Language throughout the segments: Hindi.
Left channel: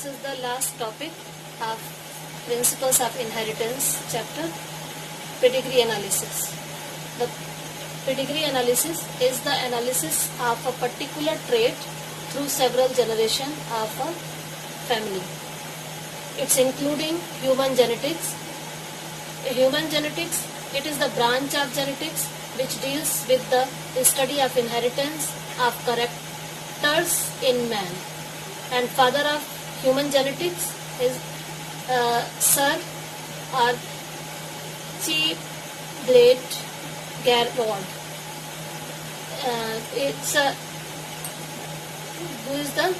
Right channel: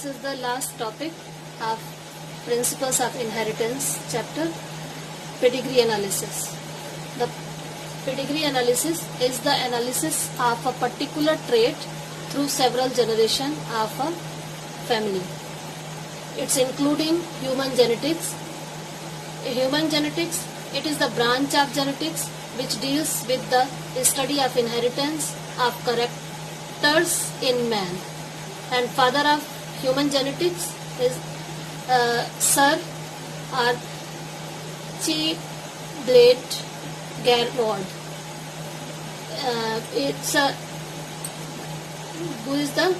This is the last topic of Principles of Inheritance chapter, Pedigree Analysis. The pedigree analysis is the analysis of a particular trait through several generations of a family. It's including human genetics. Human genetics, it is the branch of genetics which deals with the study of inheritance of characters in man. And father of human genetics is Sir Archibald Garrod. Who is the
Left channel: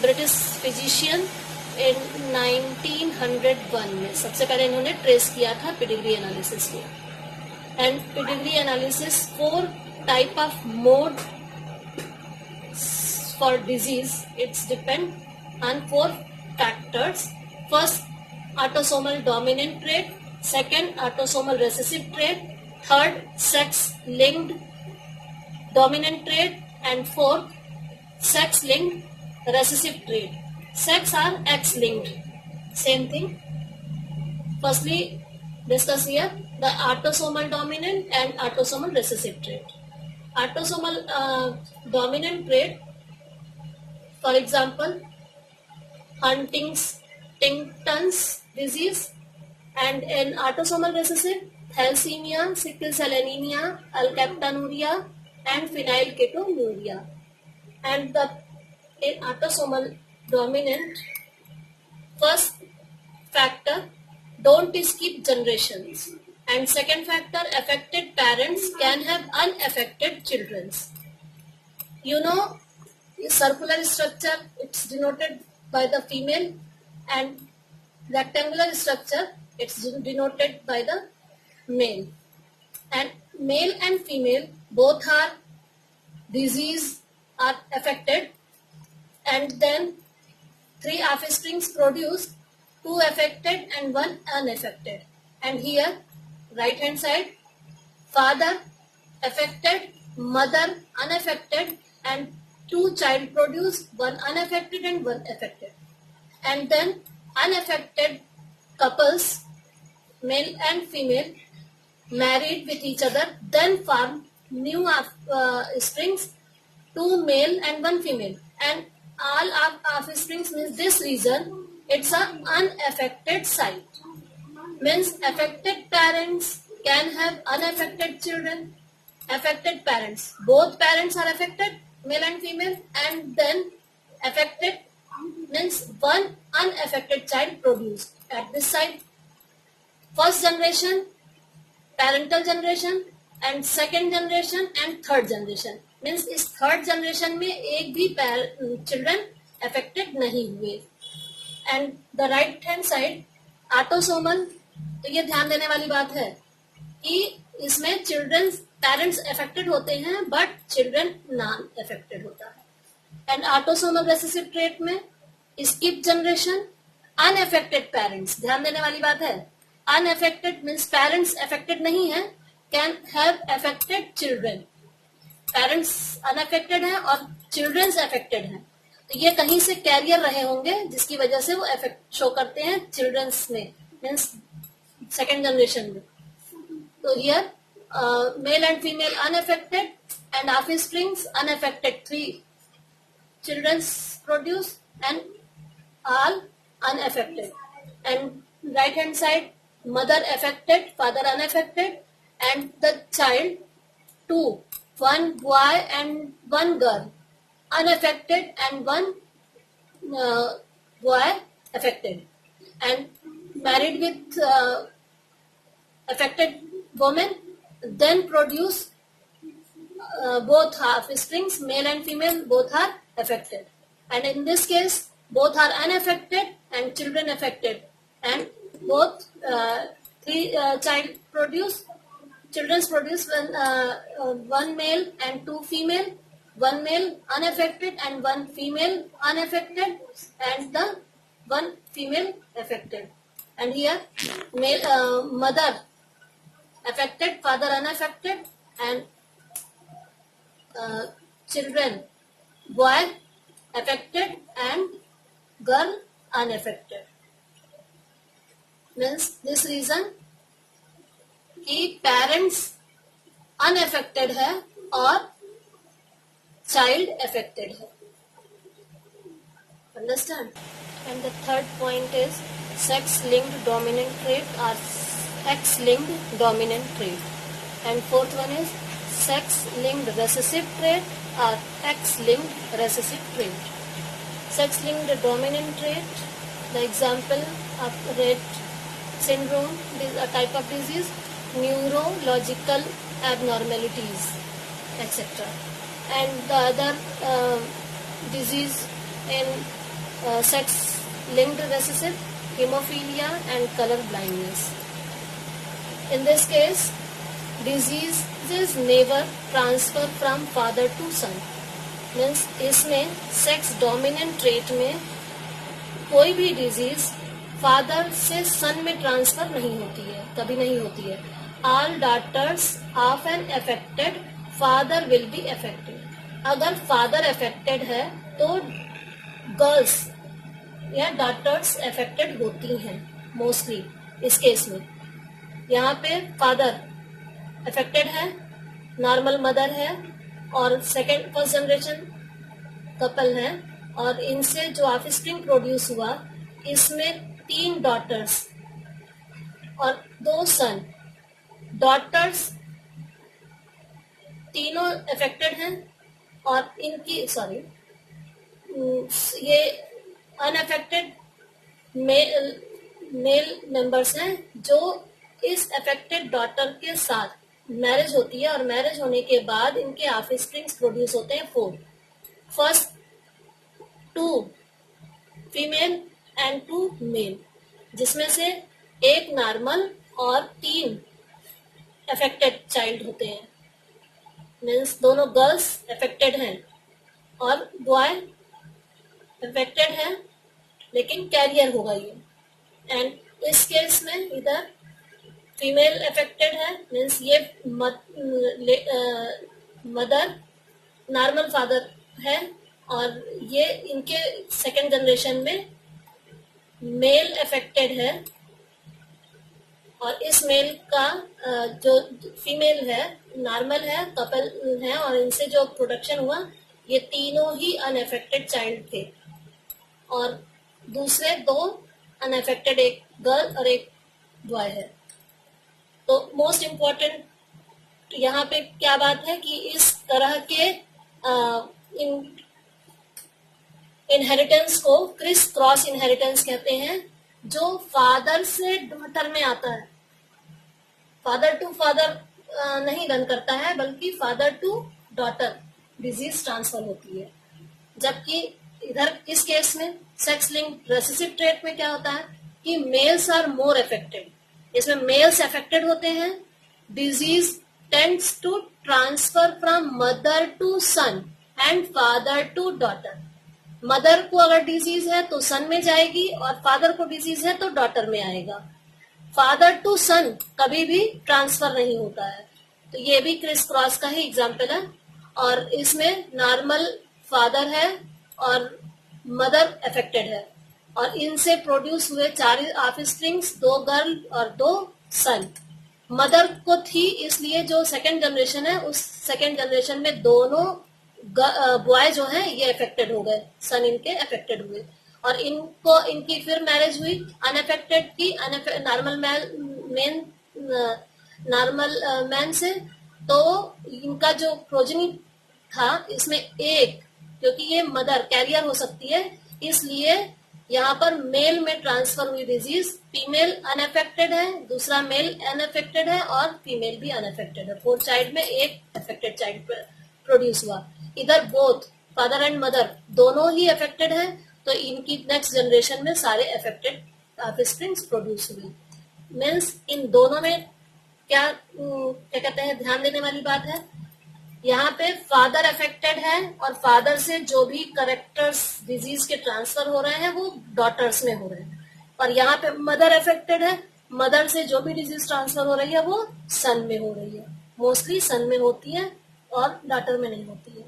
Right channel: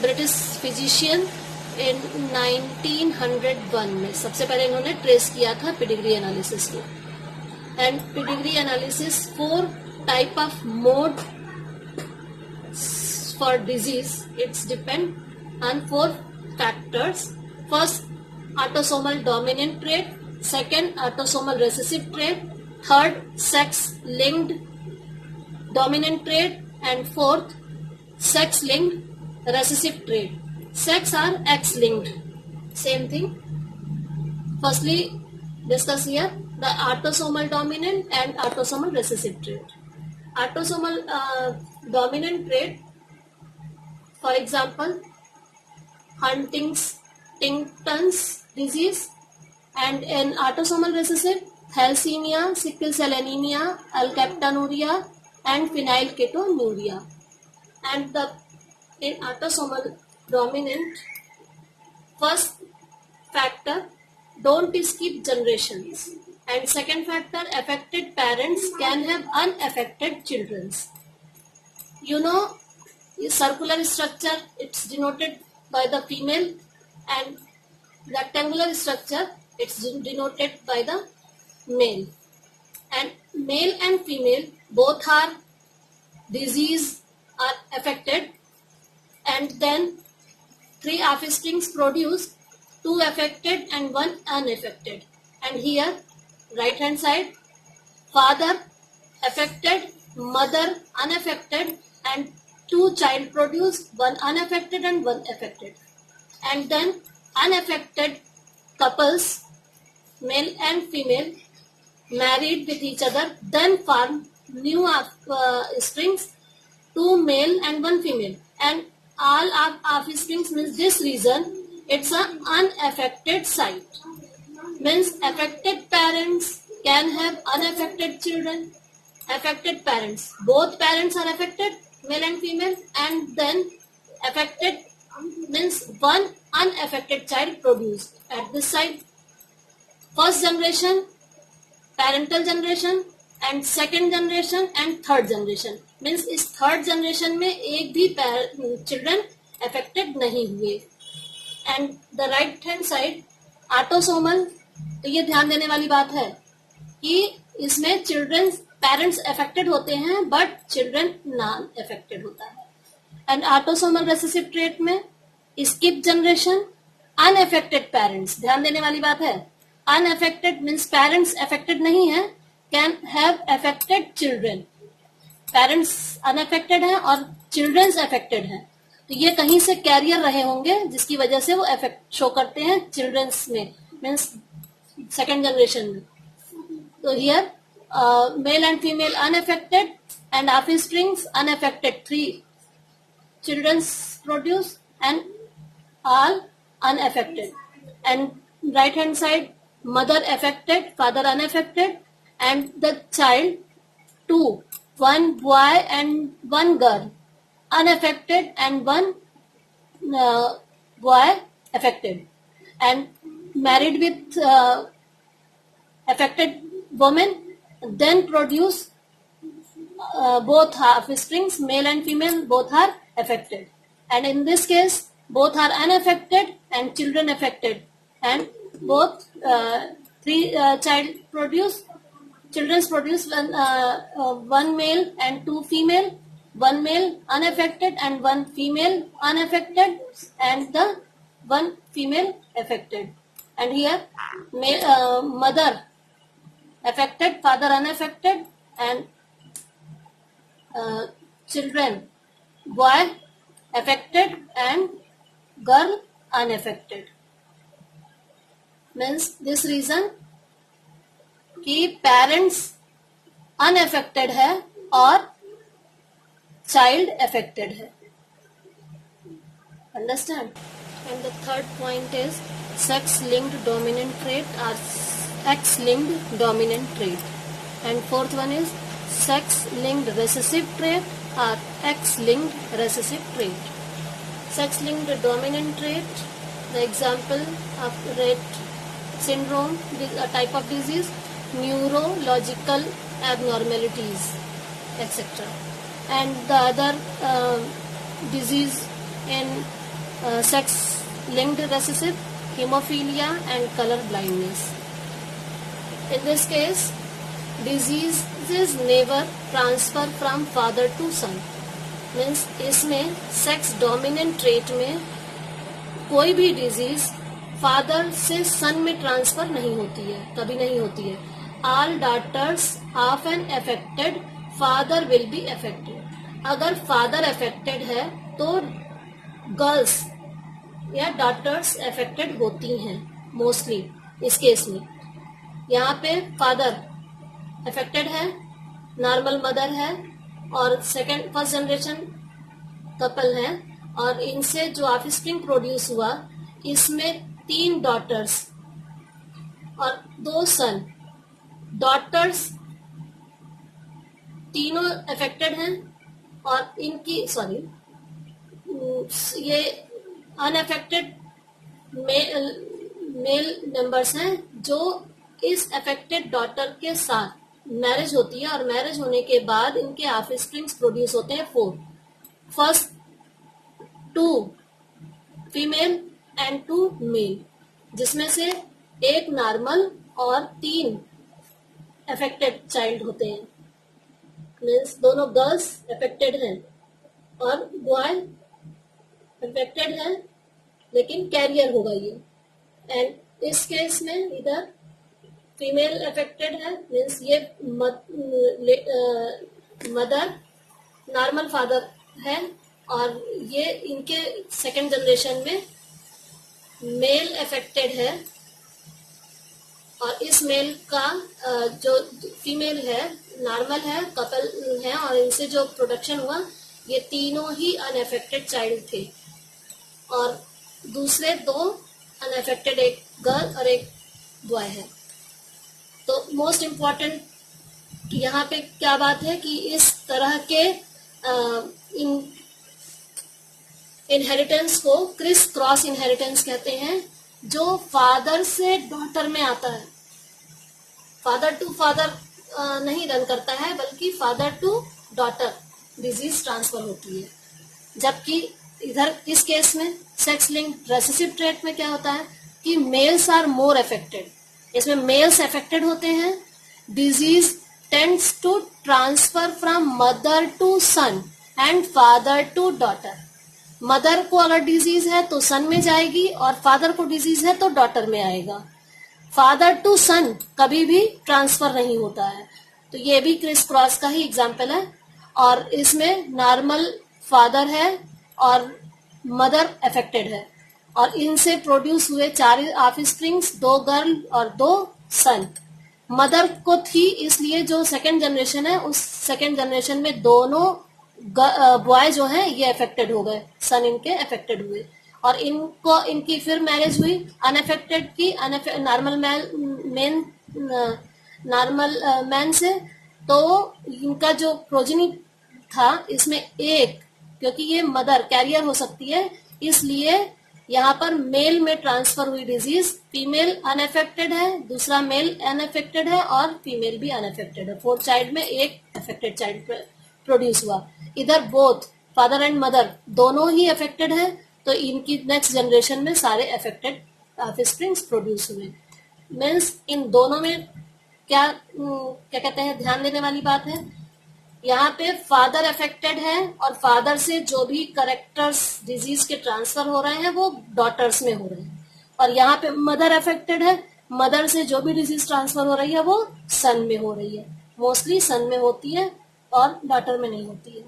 British physician in 1901 में सबसे पहले इन्होंने ट्रेस किया था पेडिग्री एनालिसिस को. And pedigree analysis 4 type of mode for disease. It's depend on 4 factors. First, autosomal dominant trait. Second, autosomal recessive trait. Third, sex-linked dominant trait. And fourth, sex-linked recessive trait. Sex or X-linked. Same thing. Firstly, discuss here the autosomal dominant and autosomal recessive trait. Autosomal dominant trait, for example, Huntington's disease, and an autosomal recessive, thalassemia, sickle cell anemia, alkaptonuria, and phenylketonuria. And the autosomal dominant, first factor, don't skip generations. And second factor, affected parents can have unaffected children. You know, circular structure, it's denoted by the female, and rectangular structure, it's denoted by the male. And male and female both are disease are affected, and then 3 offsprings produce, 2 affected and 1 unaffected. And here right hand side, father affected, mother unaffected, and 2 child produce, 1 unaffected and 1 affected. And then unaffected couples, male and female, married with each other, then form new offsprings, 2 male and 1 female. And all of offsprings means this reason it's an unaffected site. Means affected parents can have unaffected children. Affected parents, both parents are affected, male and female, and then affected means 1 unaffected child produced at this site. First generation, parental generation, and second generation and third generation. Means इस third generation में एक भी children affected नहीं हुए. And the right hand side, autosomal, तो ये ध्यान देने वाली बात है कि इसमें चिल्ड्रन पेरेंट्स अफेक्टेड होते हैं बट चिल्ड्रन नॉन अफेक्टेड होता है. एंड ऑटोसोमल रेसेसिव ट्रेट में स्किप जनरेशन, अनअफेक्टेड पेरेंट्स, ध्यान देने वाली बात है. अनअफेक्टेड मींस पेरेंट्स अफेक्टेड नहीं है, can have affected children. Parents unaffected है और चिल्ड्रंस अफेक्टेड है, तो ये कहीं से कैरियर रहे होंगे जिसकी वजह से वो इफेक्ट शो करते हैं चिल्ड्रंस में, मीन्स सेकेंड जनरेशन में. तो here male and female unaffected and offsprings unaffected, 3 childrens produce and all unaffected. And right hand side, mother affected, father unaffected, and the child 2, 1 boy and 1 girl unaffected and 1 boy affected, and married with affected woman, then produce both offsprings, male and female, both are affected. And in this case, both are unaffected and children affected, and both 3 children produce 1 male and 2 female, 1 male unaffected and 1 female unaffected, and the 1 female affected. And here mother affected, father unaffected, and children, boy affected and girl unaffected. Means this reason कि पेरेंट्स अनअफेक्टेड है और चाइल्ड अफेक्टेड है. Understand? And the third point is sex-linked dominant trait or X-linked dominant trait. And fourth one is sex-linked recessive trait or X-linked recessive trait. Sex-linked dominant trait, the example of Rett syndrome, a type of disease, neurological abnormalities, etc. And the other disease in sex-linked recessive, hemophilia and color blindness. In this case, diseases never transfer from father to son. Means इसमें sex dominant trait में कोई भी disease फादर से सन में ट्रांसफर नहीं होती है, कभी नहीं होती है. All daughters of an affected father will be affected. अगर फादर अफेक्टेड है तो गर्ल्स या डॉटर्स अफेक्टेड होती हैं मोस्टली. इस केस में यहाँ पे फादर अफेक्टेड है, नॉर्मल मदर है और फर्स्ट जनरेशन कपल है और इनसे जो ऑफस्प्रिंग प्रोड्यूस हुआ इसमें 3 डॉटर्स और 2 सन. डॉटर्स तीनों अफेक्टेड हैं और इनकी ये अनअफेक्टेड मेल मेंबर्स हैं जो इस अफेक्टेड डॉटर के साथ मैरिज होती है और मैरिज होने के बाद इनके ऑफस्प्रिंग्स प्रोड्यूस होते हैं 4. फर्स्ट 2 फीमेल एंड 2 मेल, जिसमें से 1 नॉर्मल और 3 अफेक्टेड चाइल्ड होते हैं. मीन्स दोनों गर्ल्स अफेक्टेड हैं और बॉय अफेक्टेड है लेकिन कैरियर होगा ये. एंड इस केस में इधर फीमेल अफेक्टेड है, मीन्स ये मदर नॉर्मल फादर है और ये इनके सेकंड जनरेशन में मेल अफेक्टेड है और इस मेल का जो फीमेल है नॉर्मल है, कपल है और इनसे जो प्रोडक्शन हुआ ये तीनों ही अनअफेक्टेड चाइल्ड थे और दूसरे 2 अनअफेक्टेड, एक गर्ल और एक बॉय है. तो मोस्ट इम्पोर्टेंट यहाँ पे क्या बात है कि इस तरह के इनहेरिटेंस को क्रिस क्रॉस इनहेरिटेंस कहते हैं, जो फादर से डॉटर में आता है. फादर टू फादर नहीं रन करता है बल्कि father to daughter disease transfer होती है. जबकि इधर इस केस में सेक्स लिंक्ड रेसेसिव ट्रेट में क्या होता है कि मेल्स आर मोर अफेक्टेड. इसमें मेल्स अफेक्टेड होते हैं. Disease tends to transfer from mother to son and father to daughter. Mother को अगर डिजीज है तो सन में जाएगी और फादर को डिजीज है तो डॉटर में आएगा. फादर टू सन कभी भी ट्रांसफर नहीं होता है. तो ये भी क्रिस क्रॉस का ही एग्जाम्पल है और इसमें नॉर्मल फादर है और मदर अफेक्टेड है और इनसे प्रोड्यूस हुए 4 ऑफस्प्रिंग्स, 2 गर्ल और 2 सन. मदर को थी इसलिए जो सेकंड जनरेशन है उस सेकंड जनरेशन में दोनों बॉय जो हैं ये अफेक्टेड हो गए, सन इनके अफेक्टेड हुए और इनको इनकी फिर मैरिज हुई अनअफेक्टेड की नॉर्मल मैन से. तो इनका जो प्रोजेनी था इसमें एक, क्योंकि ये मदर कैरियर हो सकती है इसलिए यहाँ पर मेल में ट्रांसफर हुई डिजीज, फीमेल अनअफेक्टेड है, दूसरा मेल अनअफेक्टेड है और फीमेल भी अनअफेक्टेड है. 4 चाइल्ड में एक अफेक्टेड चाइल्ड प्रोड्यूस हुआ. इधर बोथ फादर एंड मदर दोनों ही अफेक्टेड है तो इनकी नेक्स्ट जनरेशन में सारे अफेक्टेड ऑफस्प्रिंग्स प्रोड्यूस हुए. मीन्स इन दोनों में क्या कहते हैं ध्यान देने वाली बात है, यहाँ पे फादर अफेक्टेड है और फादर से जो भी करेक्टर्स डिजीज के ट्रांसफर हो रहे हैं वो डॉटर्स में हो रहे हैं और यहाँ पे मदर अफेक्टेड है, मदर से जो भी डिजीज ट्रांसफर हो रही है वो सन में हो रही है. मोस्टली सन में होती है और डॉटर में नहीं होती है.